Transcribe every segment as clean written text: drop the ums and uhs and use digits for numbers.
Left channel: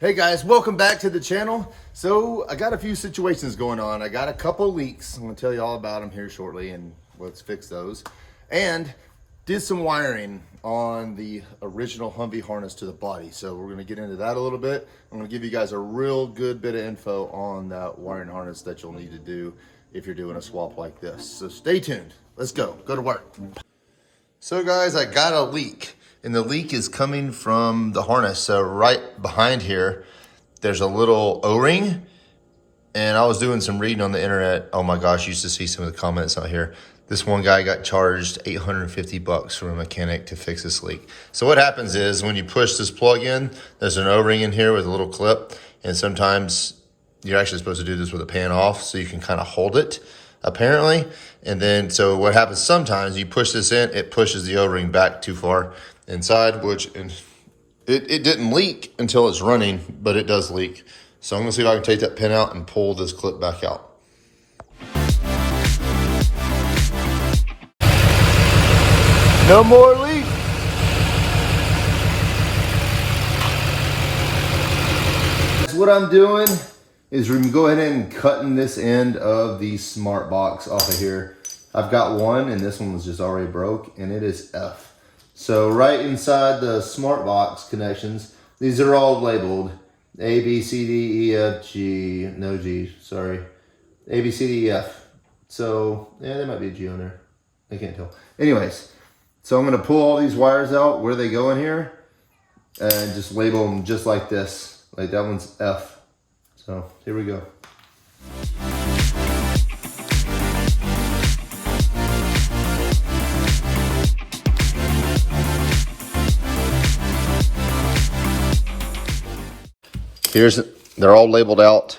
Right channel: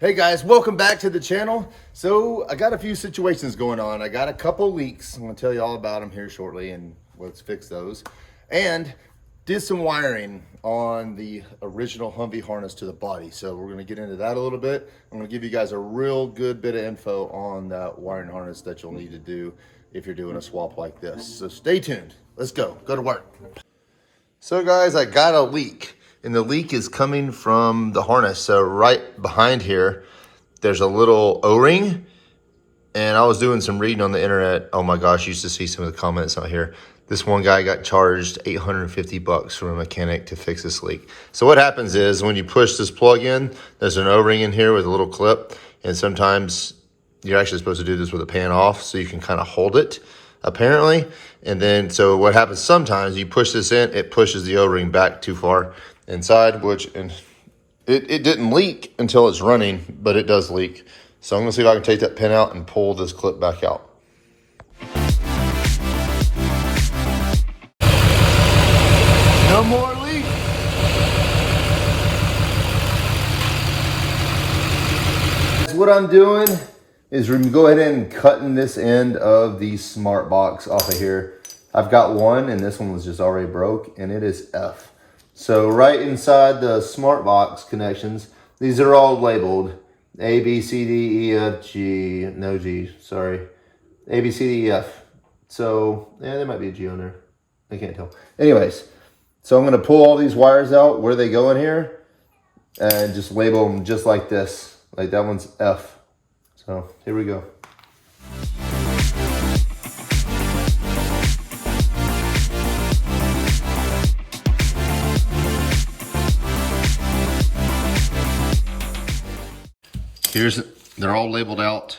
Hey guys, welcome back to the channel. So I got a few situations going on. I got a couple leaks. I'm gonna tell you all about them here shortly and let's fix those. And did some wiring on the original Humvee harness to the body. So we're gonna get into that a little bit. I'm gonna give you guys a real good bit of info on that wiring harness that you'll need to do if you're doing a swap like this. So stay tuned. Let's go to work. So guys, I got a leak. And the leak is coming from the harness. So right behind here, there's a little O-ring. And I was doing some reading on the internet. Oh my gosh, you used to see some of the comments out here. This one guy got charged $850 from a mechanic to fix this leak. So what happens is when you push this plug in, there's an O-ring in here with a little clip. And sometimes you're actually supposed to do this with a pan off so you can kind of hold it, apparently. And then, so what happens sometimes, you push this in, it pushes the O-ring back too far inside, and it didn't leak until it's running, but it does leak. So I'm gonna see if I can take that pin out and pull this clip back out. No more leak. What I'm doing is we're gonna go ahead and cutting this end of the smart box off of here. I've got one and this one was just already broke and it is F. So right inside the smart box connections, these are all labeled A, B, C, D, E, F, G, no G, sorry. A, B, C, D, E, F. So, yeah, there might be a G on there. I can't tell. Anyways, so I'm gonna pull all these wires out where they go in here and just label them just like this. Like that one's F. So here we go. They're all labeled out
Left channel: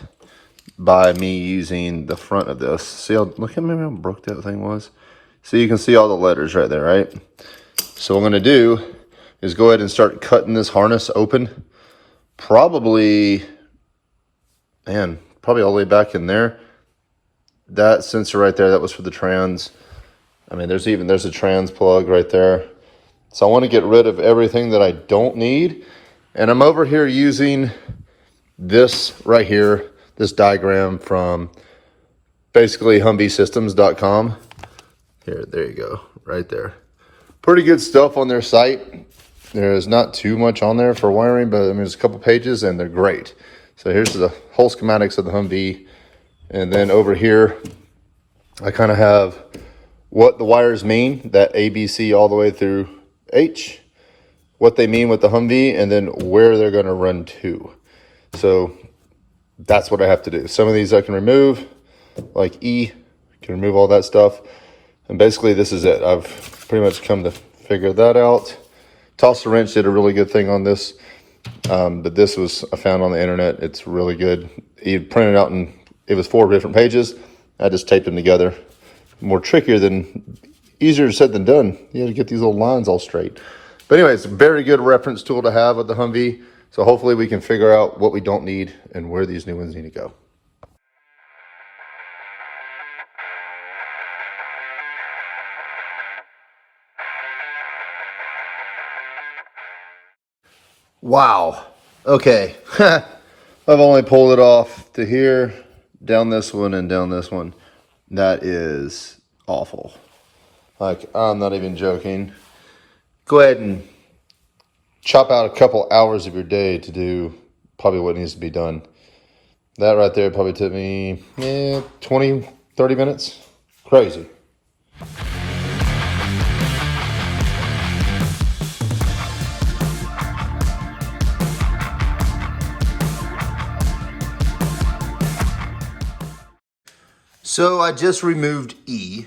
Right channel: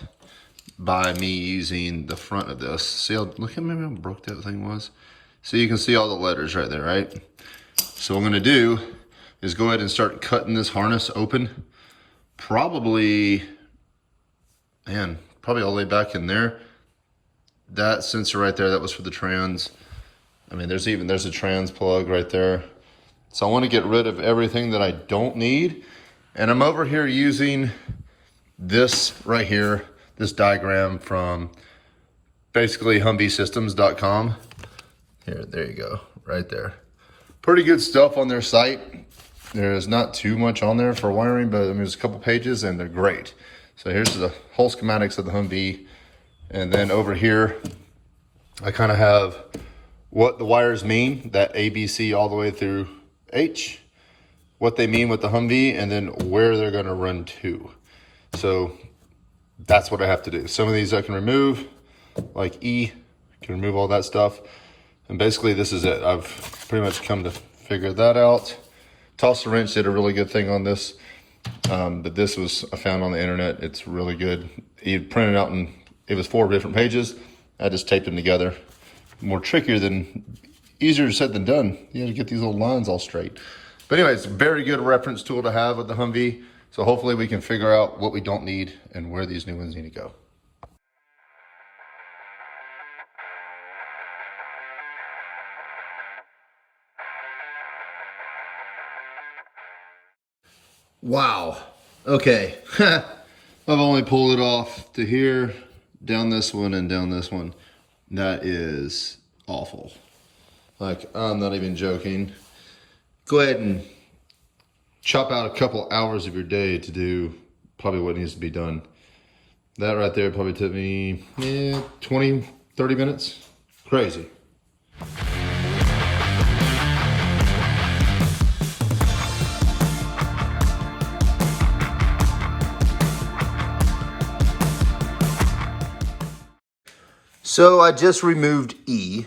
by me using the front of this. See how, look at how broke that thing was. So you can see all the letters right there, right? So what I'm gonna do is go ahead and start cutting this harness open. Probably all the way back in there. That sensor right there, that was for the trans. I mean, there's a trans plug right there. So I want to get rid of everything that I don't need. And I'm over here using this right here, this diagram from basically HumveeSystems.com. There you go, right there. Pretty good stuff on their site. There's not too much on there for wiring, but I mean, there's a couple pages and they're great. So here's the whole schematics of the Humvee. And then over here, I kind of have what the wires mean, that A, B, C all the way through H, what they mean with the Humvee, and then where they're gonna run to. So that's what I have to do. Some of these I can remove, like E, can remove all that stuff. And basically this is it. I've pretty much come to figure that out. Toss the Wrench did a really good thing on this. But this was, I found on the internet, it's really good. He printed out and it was 4 different pages. I just taped them together. More trickier than, easier said than done. You had to get these little lines all straight. But anyway, it's a very good reference tool to have with the Humvee. So hopefully we can figure out what we don't need and where these new ones need to go. Wow. Okay. I've only pulled it off to here, down this one, and down this one. That is awful. Like, I'm not even joking. Go ahead and chop out a couple hours of your day to do probably what needs to be done. That right there probably took me 20, 30 minutes. Crazy. So I just removed E.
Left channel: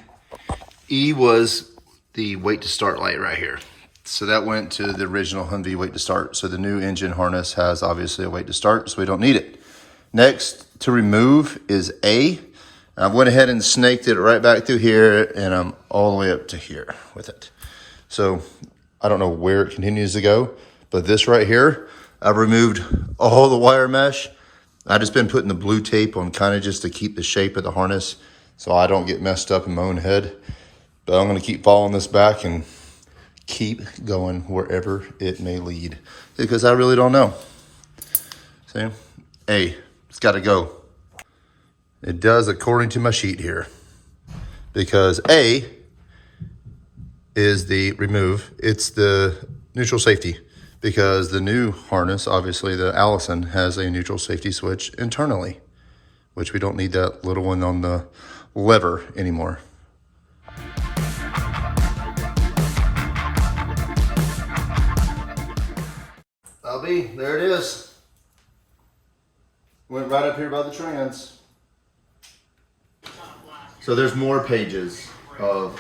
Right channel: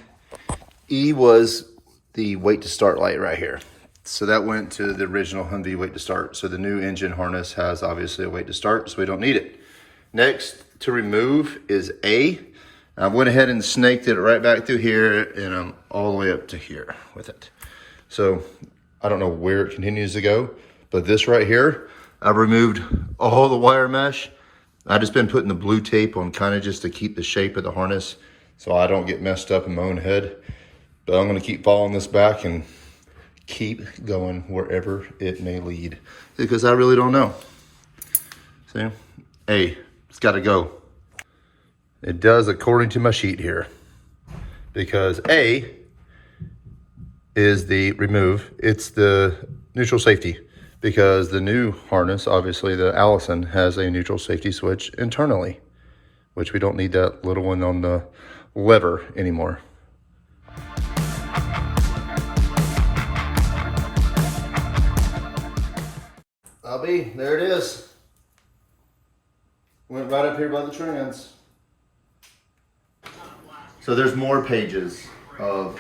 E was the wait to start light right here. So that went to the original Humvee wait to start. So the new engine harness has obviously a wait to start, so we don't need it. Next to remove is A. I went ahead and snaked it right back through here and I'm all the way up to here with it. So I don't know where it continues to go, but this right here, I've removed all the wire mesh. I've just been putting the blue tape on kind of just to keep the shape of the harness so I don't get messed up in my own head. But I'm gonna keep following this back and keep going wherever it may lead because I really don't know. See? A, it's got to go. It does according to my sheet here. Because A is the remove. It's the neutral safety. Because the new harness, obviously the Allison, has a neutral safety switch internally, which we don't need that little one on the lever anymore. LB, there it is. Went right up here by the trans. So there's more pages of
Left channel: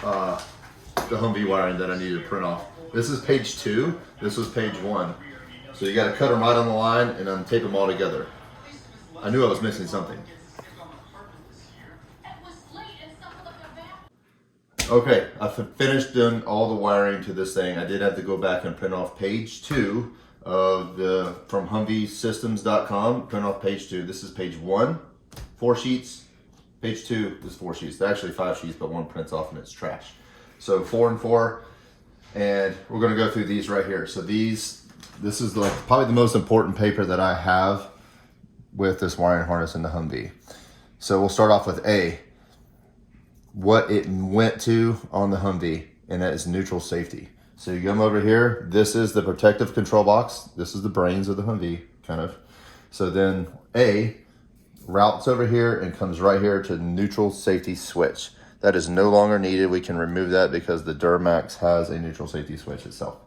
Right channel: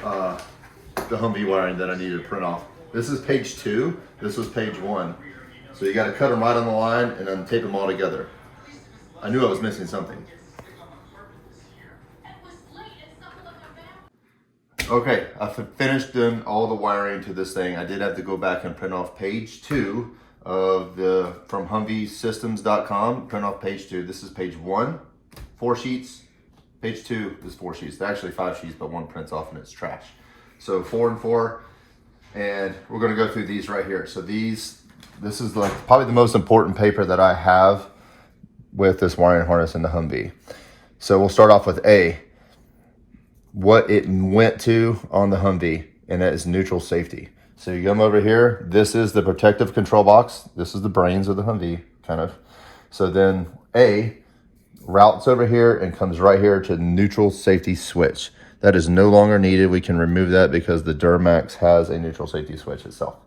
the Humvee wiring that I needed to print off. This is page 2. This was page 1. So you got to cut them right on the line and then tape them all together. I knew I was missing something. Okay, I finished doing all the wiring to this thing. I did have to go back and print off page 2 of the from HumveeSystems.com. Print off page 2. This is page 1, 4 sheets. Page 2 is 4 sheets. They're actually 5 sheets, but one prints off and it's trash. So 4 and 4, and we're going to go through these right here. So this is like probably the most important paper that I have with this wiring harness in the Humvee. So we'll start off with A, what it went to on the Humvee, and it is neutral safety. So you come over here, this is the protective control box. This is the brains of the Humvee, kind of. So then A routes over here and comes right here to the neutral safety switch. That is no longer needed. We can remove that because the Duramax has a neutral safety switch itself.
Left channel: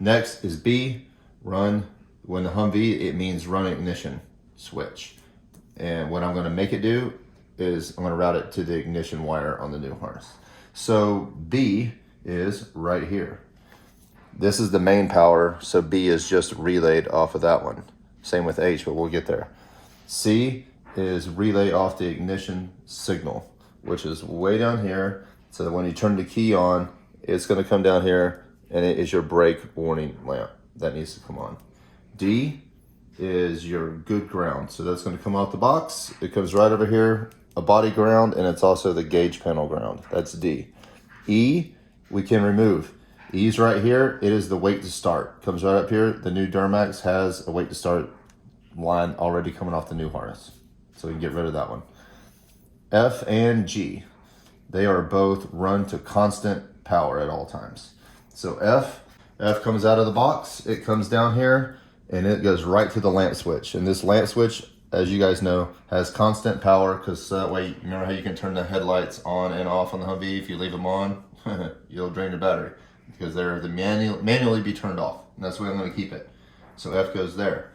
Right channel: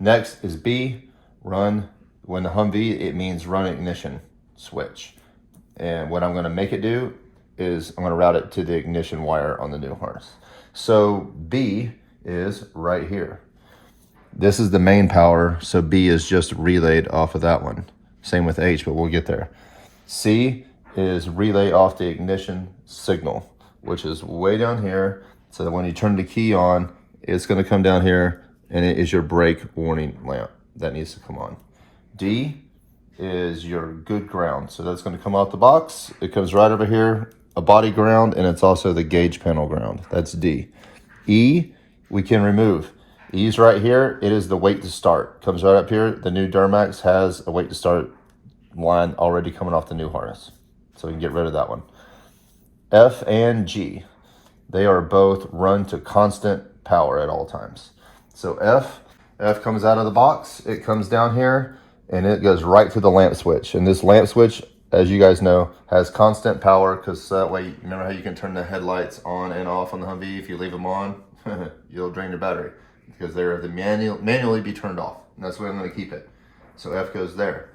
Next is B, run. When the Humvee, it means run ignition switch. And what I'm gonna make it do is I'm gonna route it to the ignition wire on the new harness. So B is right here. This is the main power, so B is just relayed off of that one. Same with H, but we'll get there. C is relay off the ignition signal, which is way down here. So that when you turn the key on, it's gonna come down here and it is your brake warning lamp that needs to come on. D is your good ground. So that's gonna come out the box. It comes right over here, a body ground, and it's also the gauge panel ground. That's D. E, we can remove. E's right here, it is the wait to start. Comes right up here. The new Duramax has a wait to start line already coming off the new harness. So we can get rid of that one. F and G, they are both run to constant power at all times. So F comes out of the box, it comes down here, and it goes right to the lamp switch. And this lamp switch, as you guys know, has constant power, because that way, remember how you can turn the headlights on and off on the Humvee? If you leave them on, you'll drain your battery, because they're the manually be turned off. And that's where I'm gonna keep it. So F goes there.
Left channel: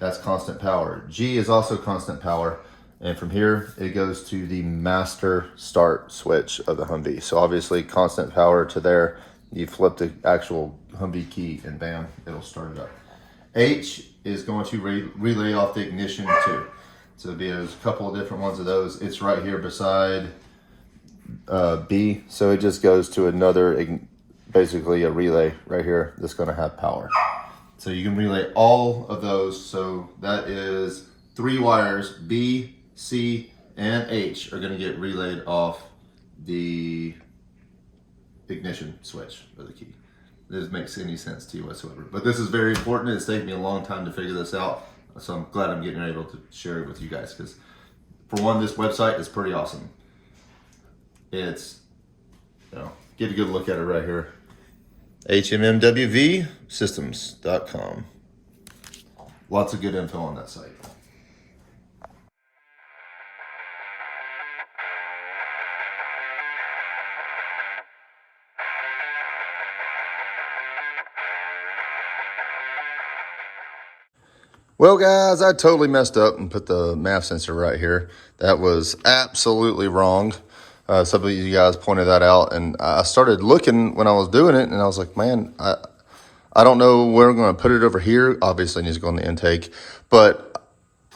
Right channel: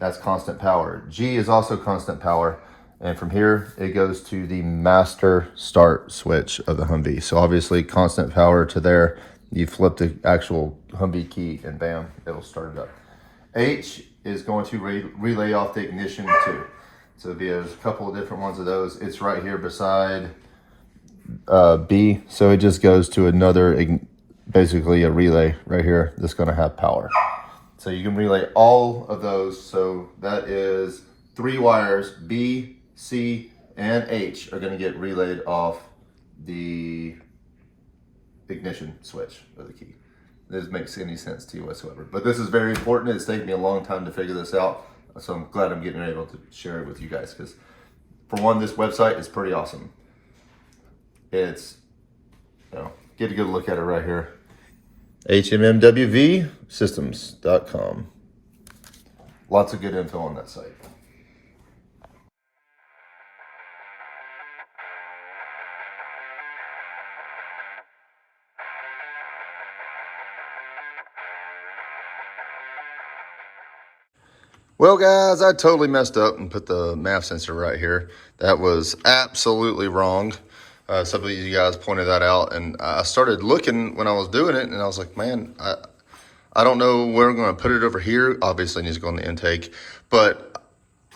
That's constant power. G is also constant power. And from here, it goes to the master start switch of the Humvee. So obviously constant power to there. You flip the actual Humvee key and bam, it'll start it up. H is going to relay off the ignition too. So there's a couple of different ones of those. It's right here beside B. So it just goes to another, basically a relay right here that's gonna have power. So you can relay all of those. So that is 3 wires, B, C, and H are gonna get relayed off the ignition switch of the key. This makes any sense to you whatsoever. But this is very important. It's taken me a long time to figure this out. So I'm glad I'm getting able to share it with you guys, because for one, this website is pretty awesome. It's, get a good look at it right here. HMMWVsystems.com. Lots of good info on that site. Well, guys, I totally messed up and put the MAF sensor right here. That was absolutely wrong. Some of you guys pointed that out, and I started looking when I was doing it, and I was like, man, I don't know where I'm going to put it over here. Obviously, it needs to go in the intake, but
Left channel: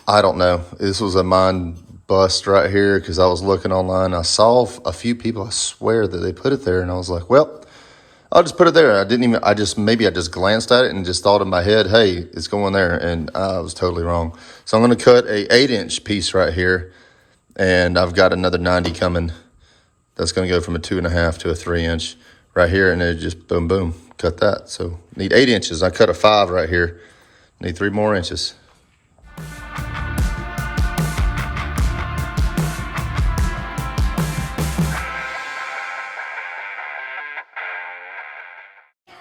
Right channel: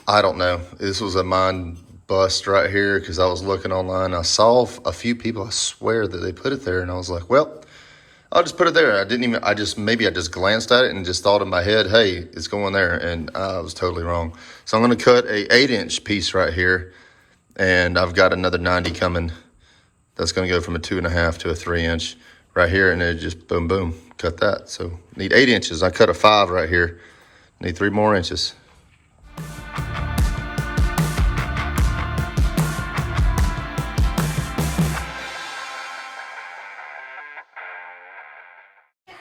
I don't know. This was a mind bust right here, because I was looking online. I saw a few people, I swear, that they put it there, and I was like, well, I'll just put it there. I just glanced at it and just thought in my head, hey, it's going there, and I was totally wrong. So I'm going to cut a 8-inch piece right here, and I've got another 90 coming. That's going to go from a 2.5 to a 3-inch right here, and then just boom, boom, cut that. So need 8 inches. I cut a 5 right here. Need 3 more inches.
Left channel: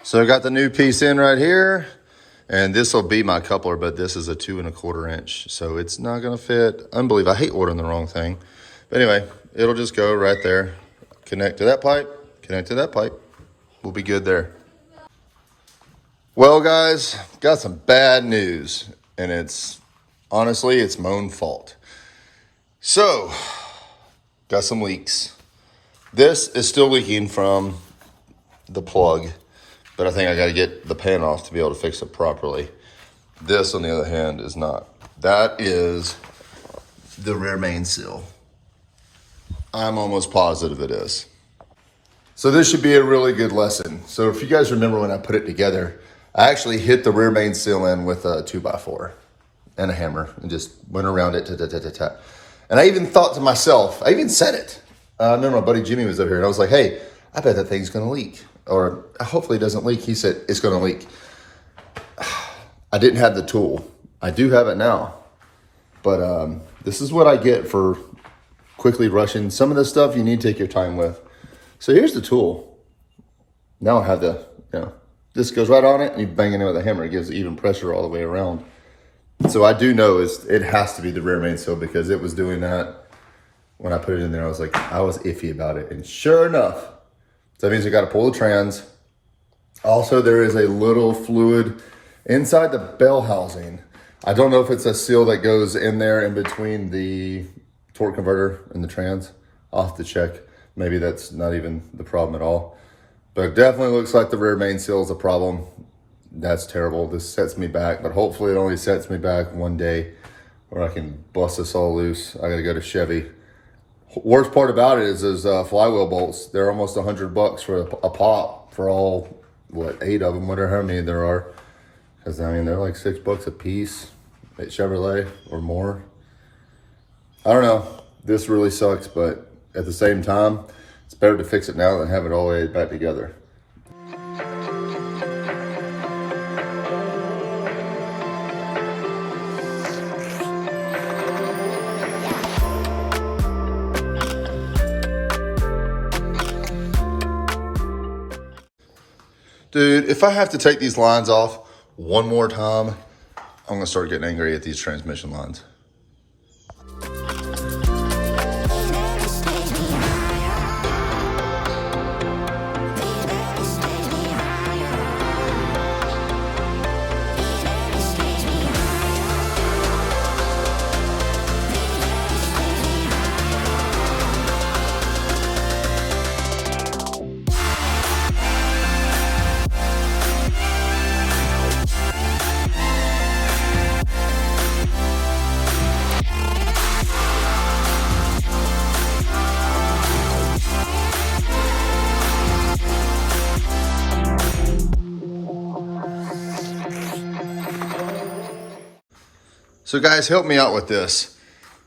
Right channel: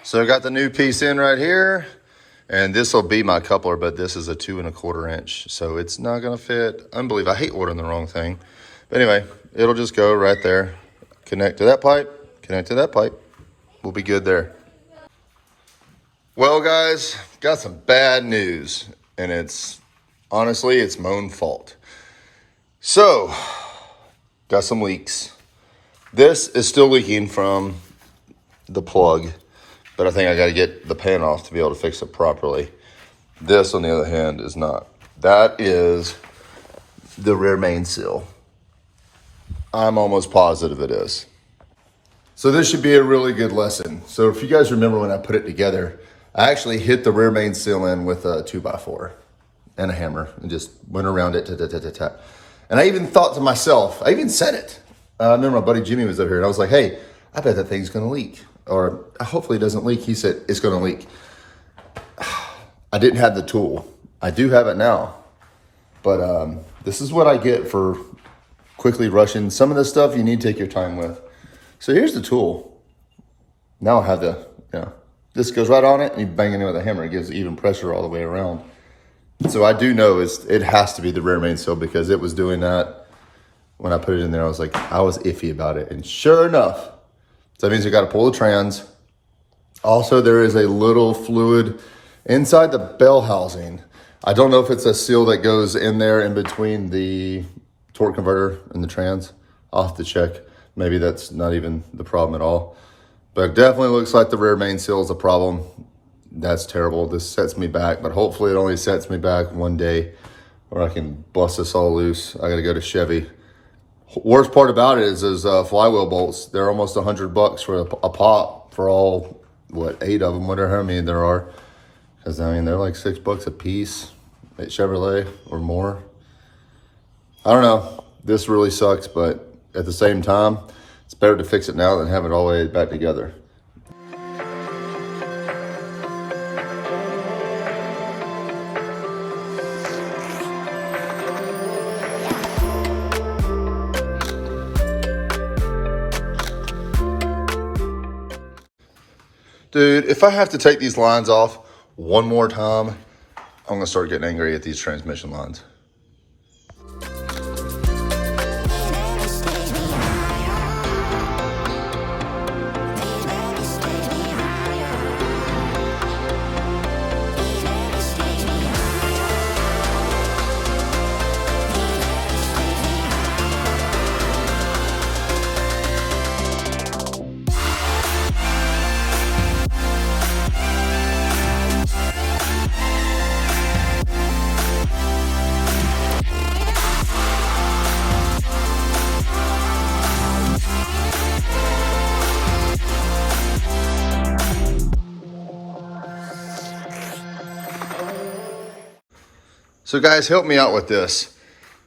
So I got the new piece in right here, and this will be my coupler, but this is a 2 1/4 inch. So it's not gonna fit. Unbelievable, I hate ordering the wrong thing. But anyway, it'll just go right there. Connect to that pipe, connect to that pipe. We'll be good there. Well guys, got some bad news, and honestly, it's my own fault. So, got some leaks. This is still leaking from the plug, but I think I gotta get the pan off to be able to fix it properly. This, on the other hand, is not. That is the rear main seal. I'm almost positive it is. So this should be a really good lesson. So if you guys remember when I put it together, I actually hit the rear main seal in with a 2x4 and a hammer and just went around it. And I even thought to myself, I even said it. I remember my buddy Jimmy was over here and I was like, hey, I bet that thing's gonna leak. Or hopefully it doesn't leak. He said, it's gonna leak. I didn't have the tool. I do have it now. But this is what I get for quickly rushing. Some of this stuff you need to take your time with. So here's the tool. Now I have this goes right on it and you bang it in with a hammer. It gives even pressure all the way around. So I do know it has to be the rear main seal because it was doing that when I put it in there. I was iffy about it. And sure enough, so that means you got to pull the trans. Also, there is a little fluid inside the bell housing. I don't know if it's a seal that goes in there in between the torque converter and the trans. I'll have to check. Maybe that's not even the problem at all. But it definitely looks like the rear main seal is a problem. That's terrible. This sets me back, but hopefully it only sets me back one day where I can bust this all loose. I gotta go to Chevy. Worst part about it is those flywheel bolts. They're almost $100 for a pop for all, 8 of them, whatever, how many there are. Because, I mean, they're like $6 a piece at Chevrolet or more. I don't know. This really sucks, but at the same time, it's better to fix it now than have it all the way back together. Dude, if I have to take these lines off one more time, I'm gonna start getting angry at these transmission lines. So guys, help me out with this.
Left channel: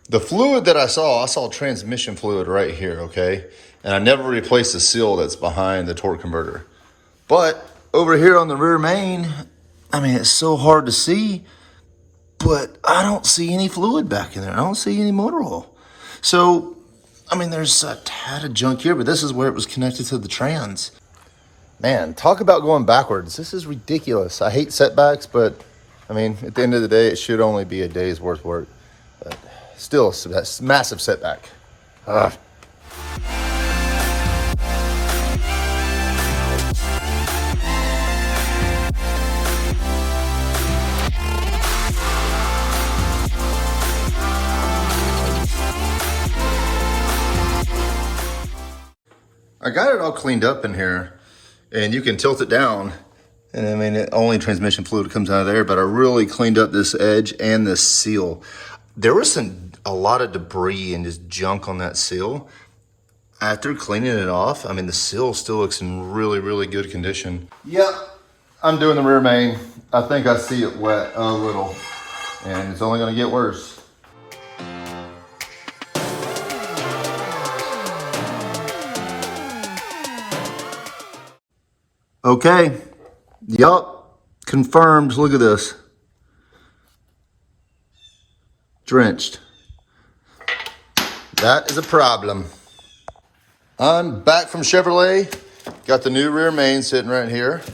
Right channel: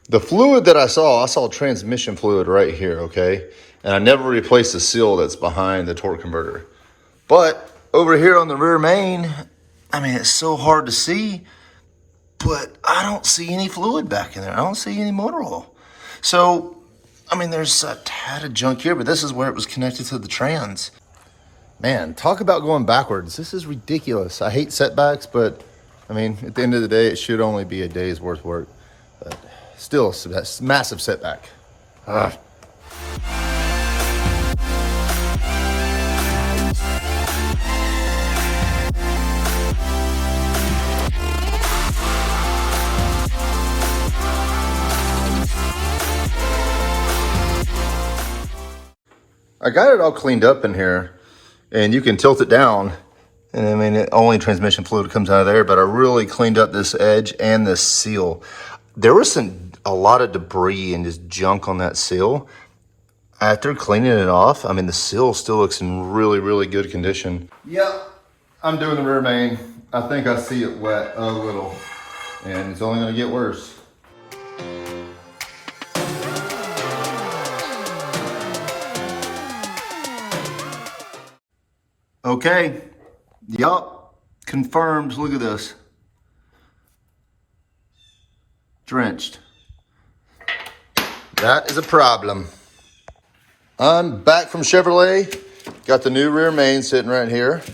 The fluid that I saw transmission fluid right here, okay? And I never replaced the seal that's behind the torque converter. But over here on the rear main, I mean, it's so hard to see, but I don't see any fluid back in there. I don't see any motor oil. So, I mean, there's a tad of junk here, but this is where it was connected to the trans. Man, talk about going backwards. This is ridiculous. I hate setbacks, but I mean, at the end of the day, it should only be a day's worth of work. But still, that's a massive setback. I got it all cleaned up in here, and you can tilt it down. And I mean, only transmission fluid comes out of there, but I really cleaned up this edge and this seal. There was a lot of debris and just junk on that seal. After cleaning it off, I mean, the seal still looks in really, really good condition. Yep, I'm doing the rear main. I think I see it wet a little, and it's only gonna get worse. Okay. Yup, confirmed. Look at this. Drenched. That is a problem. I'm back from Chevrolet. Got the new rear main sitting right here.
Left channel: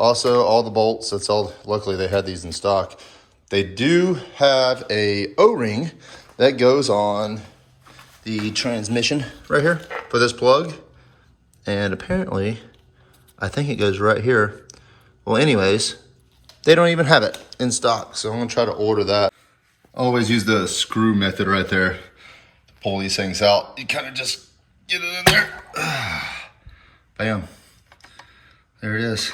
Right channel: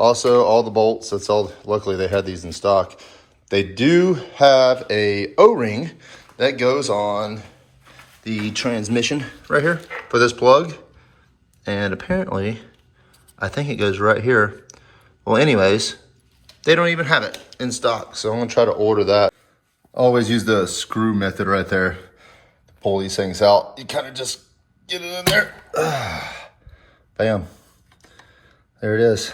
Also, all the bolts, that's all, luckily they had these in stock. They do have a O-ring that goes on the transmission right here for this plug. And apparently, I think it goes right here. Well, anyways, they don't even have it in stock. So I'm gonna try to order that. Always use the screw method right there to pull these things out. You kind of just get it in there. Bam. There it is.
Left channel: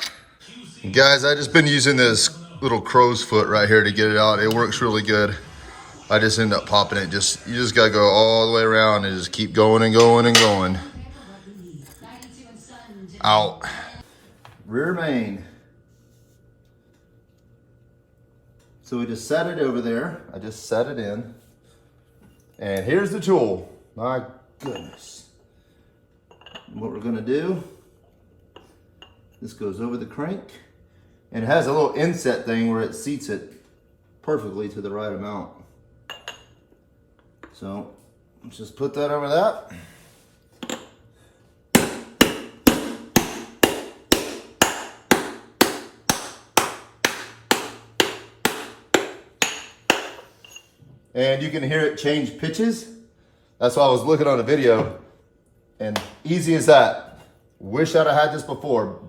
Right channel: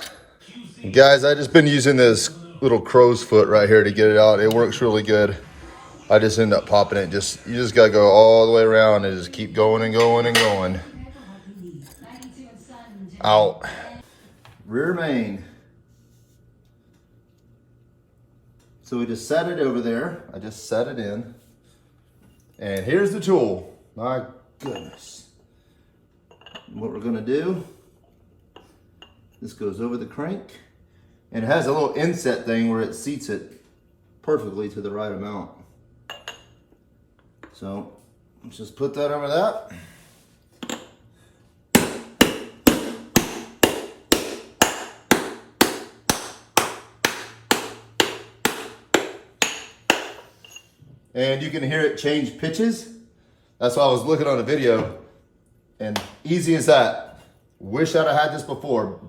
Guys, I just been using this little crow's foot right here to get it out. It works really good. I just end up popping it. You just gotta go all the way around and just keep going and going and going. Out. Rear main. So we just set it over there. I just set it in. And here's the tool. My goodness. What we're gonna do, this goes over the crank. And it has a little inset thing where it seats it perfectly to the right amount. So let's just put that over that. And you can hear it change pitches. That's why I was looking on a video. And easy as that. Wish I'd have had this before.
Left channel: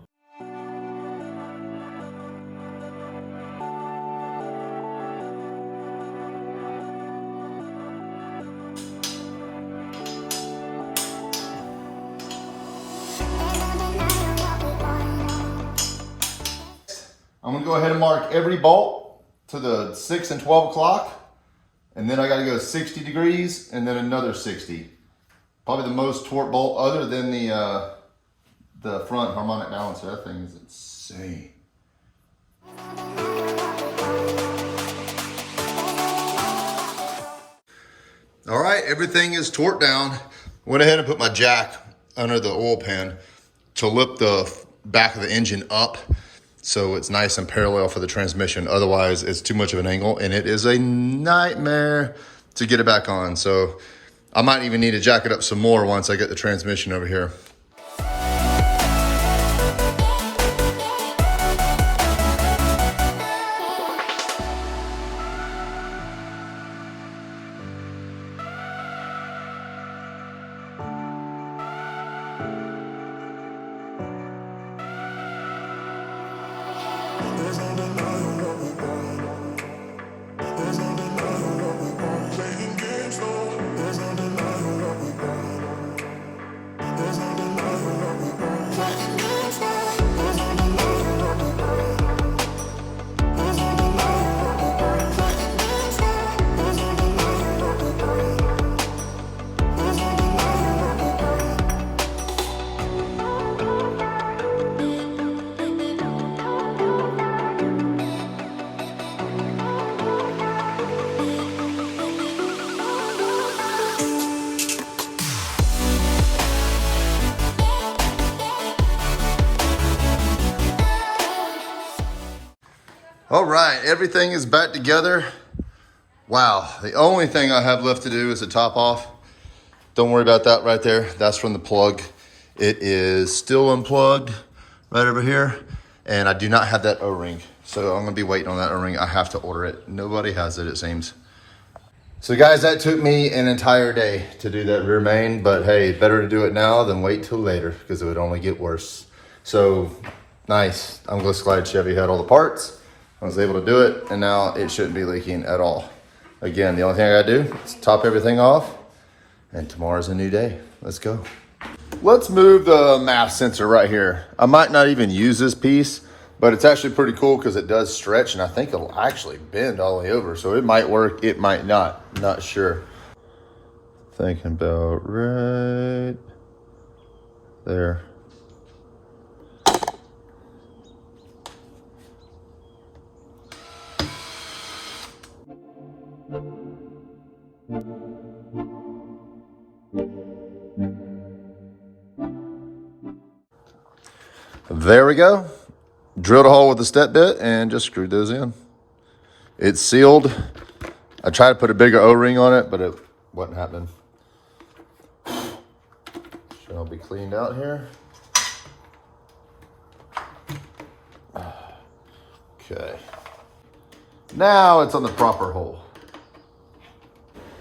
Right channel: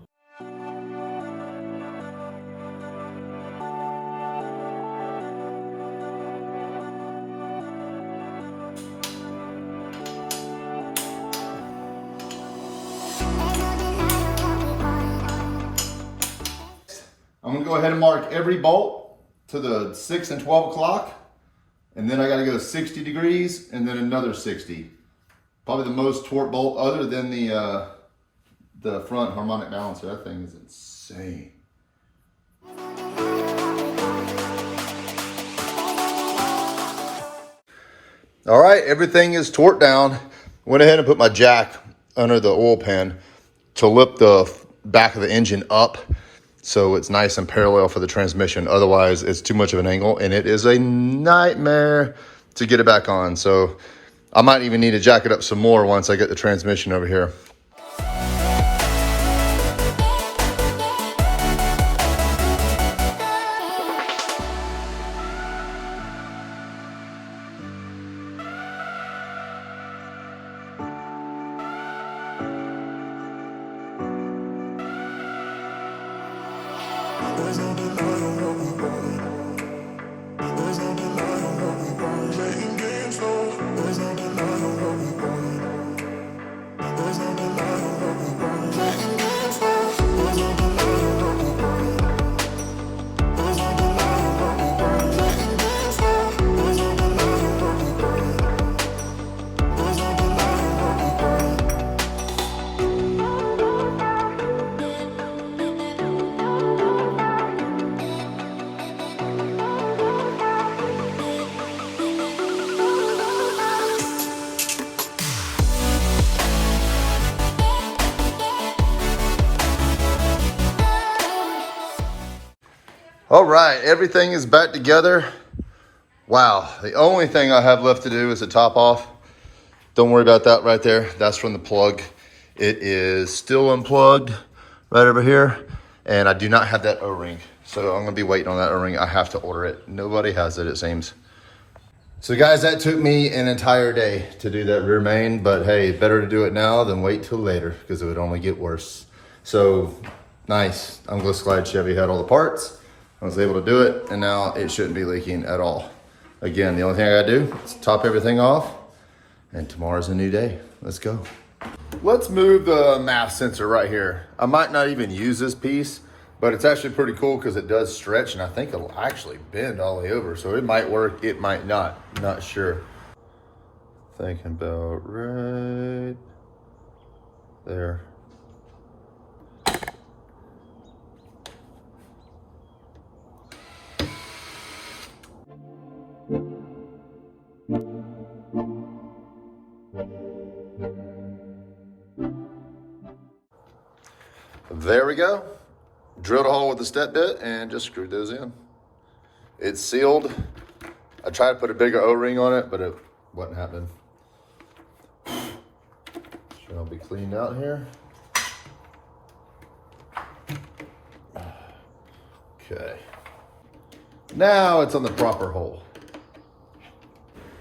I'm gonna go ahead and mark every bolt to the 6 and 12 o'clock. And then I gotta go 60 degrees and then another 60. Probably the most torque bolt other than the front harmonic balancer. That thing is insane. All right, everything is torqued down. Went ahead and put my jack under the oil pan to lift the back of the engine up so it's nice and parallel for the transmission. Otherwise, it's too much of an angle and it is a nightmare to get it back on. So I might even need to jack it up some more once I get the transmission over here. There's no denying what we want. There's no denying what we want. Playing games, no. There's no denying what we want. There's no denying what we want. Playing games, no. There's no denying what we want. There's no denying what we want. Playing games, no. There's no denying what we want. There's no denying what we want. All right, everything is back together. Wow, the only thing I have left to do is the top off. Don't worry about that right there. That's from the plug. It is still unplugged right over here. And I do not have that O-ring. So I'm gonna be waiting on that O-ring. I have to order it. Nobody has it, it seems. So guys, that took me an entire day to do that rear main, but hey, better to do it now than wait till later because it would only get worse. So nice, I'm just glad Chevy had all the parts. I was able to do it, and now it shouldn't be leaking at all. Again, the only thing I gotta do is top everything off, and tomorrow's a new day. Let's go. Let's move the mass sensor right here. I might not even use this piece, but it's actually pretty cool because it does stretch, and I think it'll actually bend all the way over. So it might work, it might not, not sure. Thinking about right there. There we go. Drilled a hole with the step bit and just screwed those in. It's sealed. I tried to put a bigger O-ring on it, but it wasn't happening. Sure, I'll be cleaned out here. Okay. Now it's on the proper hole.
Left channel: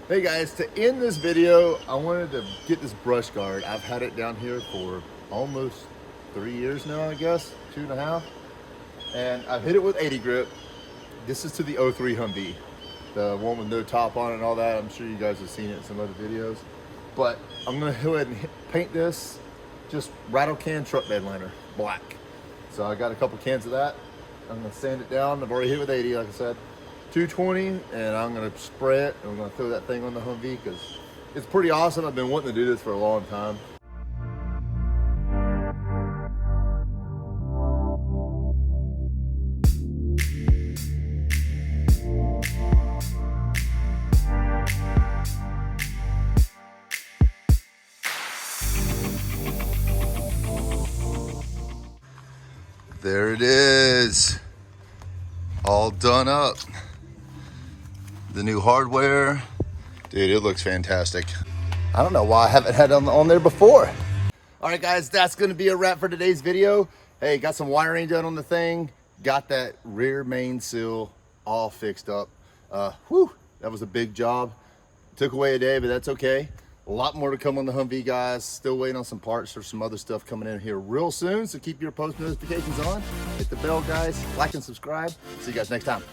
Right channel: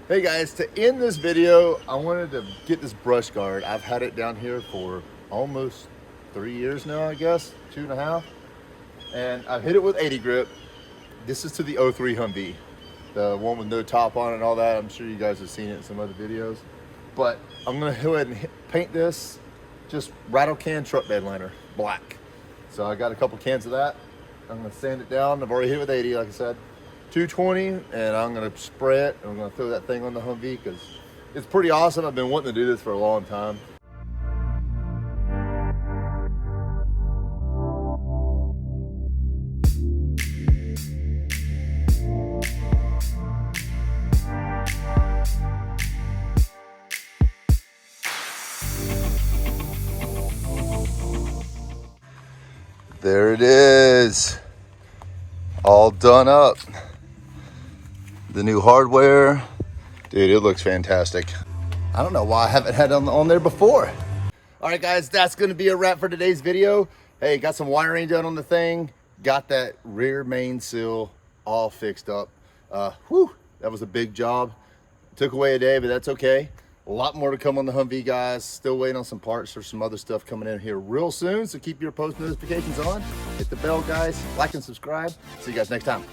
Hey guys, to end this video, I wanted to get this brush guard. I've had it down here for almost 3 years now, I guess, 2.5. And I've hit it with 80 grip. This is to the 03 Humvee, the one with no top on it and all that. I'm sure you guys have seen it in some other videos. But I'm gonna go ahead and paint this just rattle can truck bed liner, black. So I got a couple cans of that. I'm gonna sand it down. I've already hit with 80, like I said. 220, and I'm gonna spray it, and I'm gonna throw that thing on the Humvee because it's pretty awesome. I've been wanting to do this for a long time. There it is, all done up. The new hardware. Dude, it looks fantastic. I don't know why I haven't had it on there before. All right, guys, that's gonna be a wrap for today's video. Hey, got some wiring done on the thing. Got that rear main seal all fixed up. Whew, that was a big job. Took away a day, but that's okay. A lot more to come on the Humvee, guys. Still waiting on some parts for some other stuff coming in here real soon, so keep your post notifications on. Hit the bell, guys. Like and subscribe. See you guys next time.